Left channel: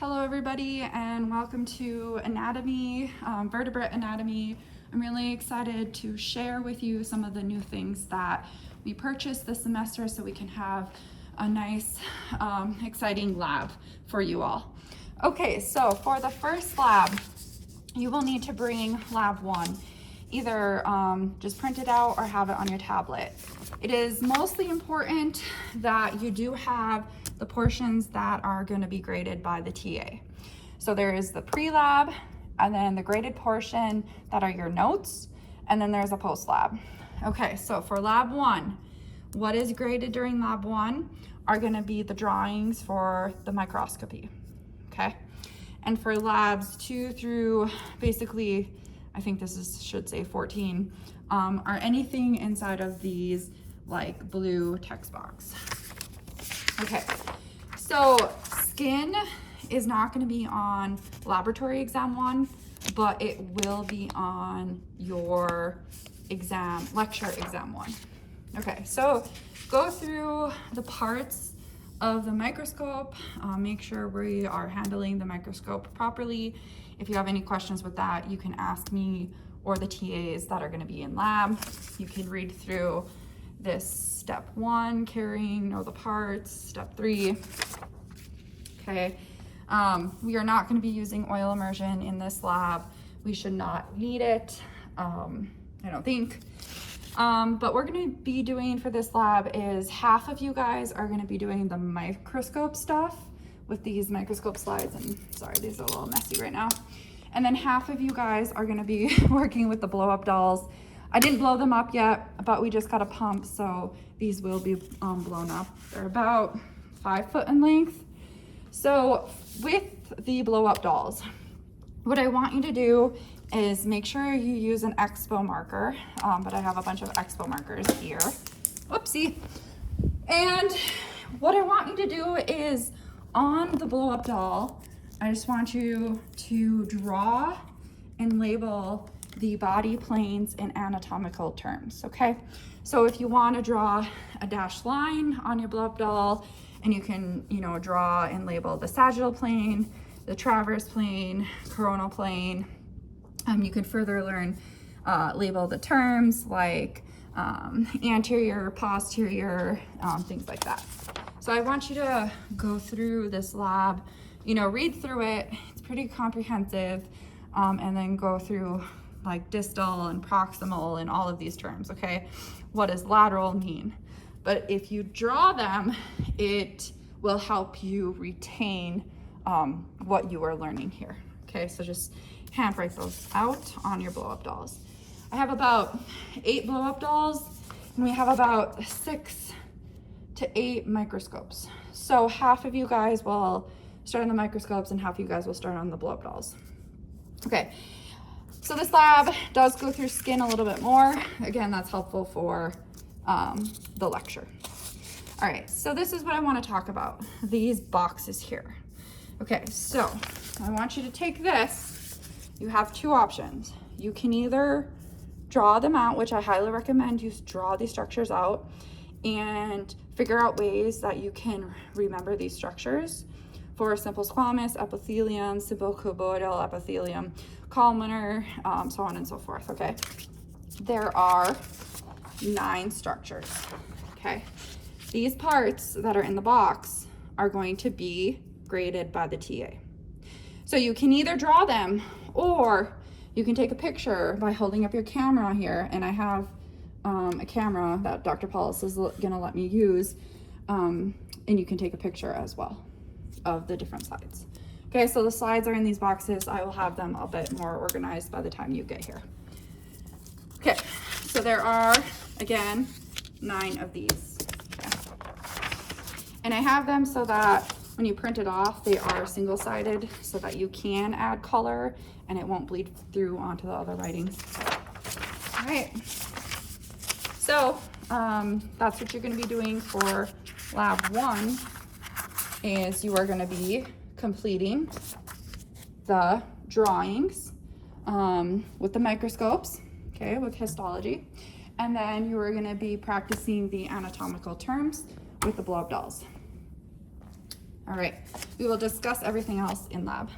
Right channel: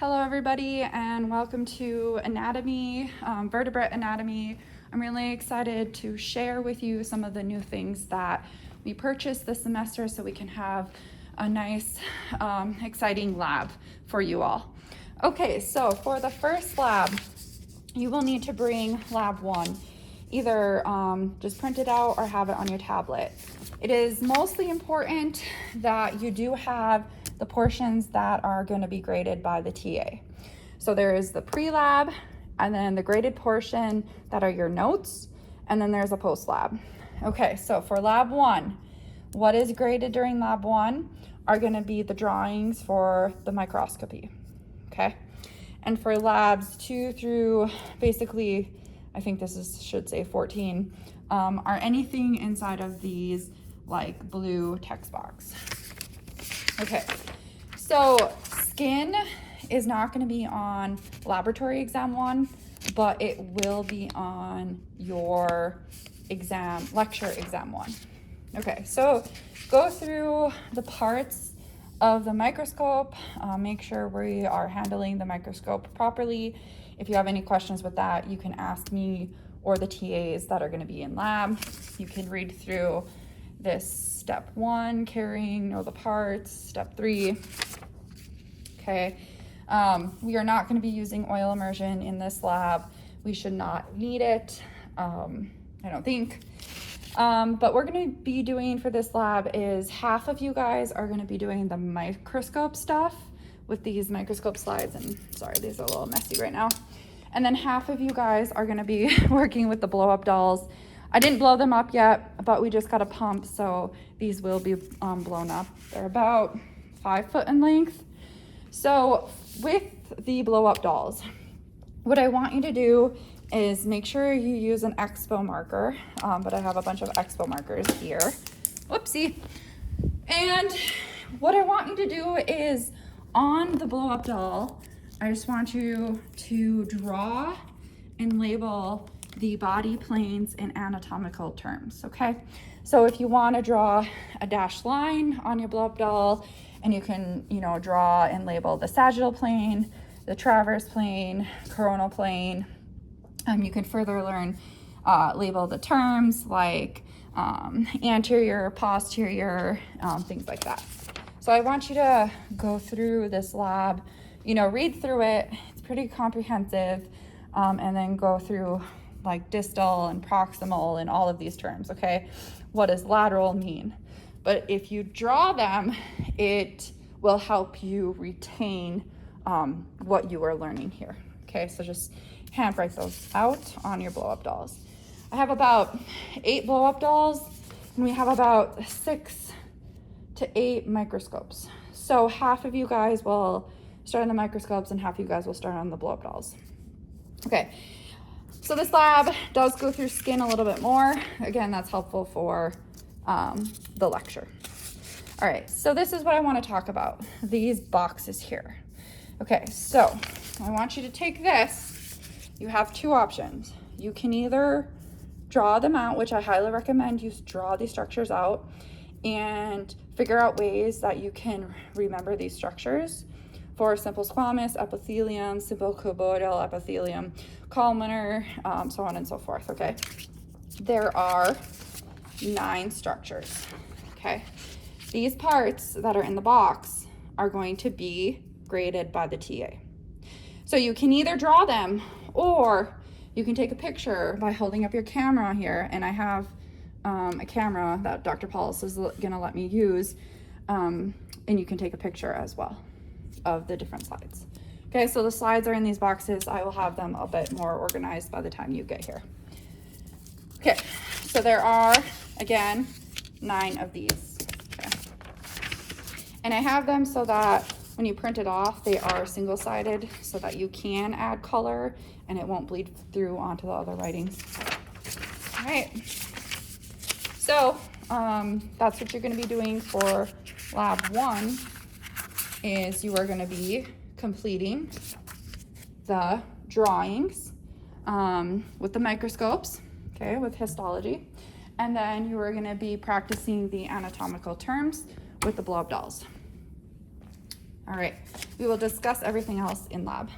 Hello everybody and welcome to anatomy, vertebrate anatomy. I'm really excited to share with you some of the new things that we purchased this semester so we can have a nice, exciting lab for you all. Okay, so for the first lab, you will need to bring lab 1. Either just print it out or have it on your tablet. It is mostly important that you do have the portions that are going to be graded by the TA. So there is the pre-lab and then the graded portion that are your notes, and then there's a post-lab. Okay, so for lab 1, what is graded during lab 1 are going to be the drawings for the microscopy, okay? And for labs 2 through basically, I think should say 14, are anything inside of these like blue text box. Okay, so skin is not going to be on laboratory exam 1, but it will be on your lecture exam 1. Okay, so go through the parts of the microscope, make sure we are handling the microscope properly. If you have any questions with that, you can ask me or the TAs that are going to be in lab. You can read through this step 1, know the parts, step 3. Okay, we are not going to be using oil immersion in this lab. We should not need it, I don't think. But we're going to be doing for this lab is half of you guys are going to be doing the microscope stuff with these microscope slides, and sorry, these are a little messy right now. And then half of you guys are going to be working with the blow up dolls. I didn't blow them up yet, but we just got a pump, so these will be blown up. They're about 5 foot in length. So with the blow up dolls, what I want you to do is make sure you use an expo marker, but I have a bunch of expo markers here. Whoopsie. And what I want you to do is on the blow up doll, I just want you to draw and label the body planes in anatomical terms, okay? So if you want to draw a dashed line on your blow up doll, and you can, draw and label the sagittal plane, the transverse plane, coronal plane. You can further learn, label the terms like anterior, posterior, things like that. So I want you to go through this lab, read through it. It's pretty comprehensive, and then go through like distal and proximal and all of these terms, okay? What does lateral mean? But if you draw them, it will help you retain what you are learning here, okay? So just handwrite those out on your blow-up dolls. I have about 8 blow-up dolls, and we have about 6 to 8 microscopes. So half of you guys will start on the microscopes and half of you guys will start on the blow-up dolls. Okay, so this lab does go through skin a little bit more. Again, that's helpful for the lecture. All right, so this is what I want to talk about, these boxes here. Okay, so I want you to take this. You have 2 options. You can either draw them out, which I highly recommend you draw these structures out and figure out ways that you can remember these structures for simple squamous, epithelium, simple cuboidal epithelium, columnar, so on and so forth, okay? There are 9 structures, okay? These parts that are in the box are going to be graded by the TA. So you can either draw them or you can take a picture by holding up your camera here, and I have a camera that Dr. Paulus is gonna let me use, and you can take a picture as well of the different slides. Okay, so the slides are in these boxes. I will have them a bit more organized by the time you get here. Okay, so there are, again, 9 of these. Okay. And I have them so that when you print it off, they are single-sided so that you can add color and it won't bleed through onto the other writings. All right, so that's what you're gonna be doing for lab 1, is you are gonna be completing the drawings with the microscopes, okay, with histology, and then you are gonna be practicing the anatomical terms with the blow-up dolls. All right, We will discuss everything else in lab.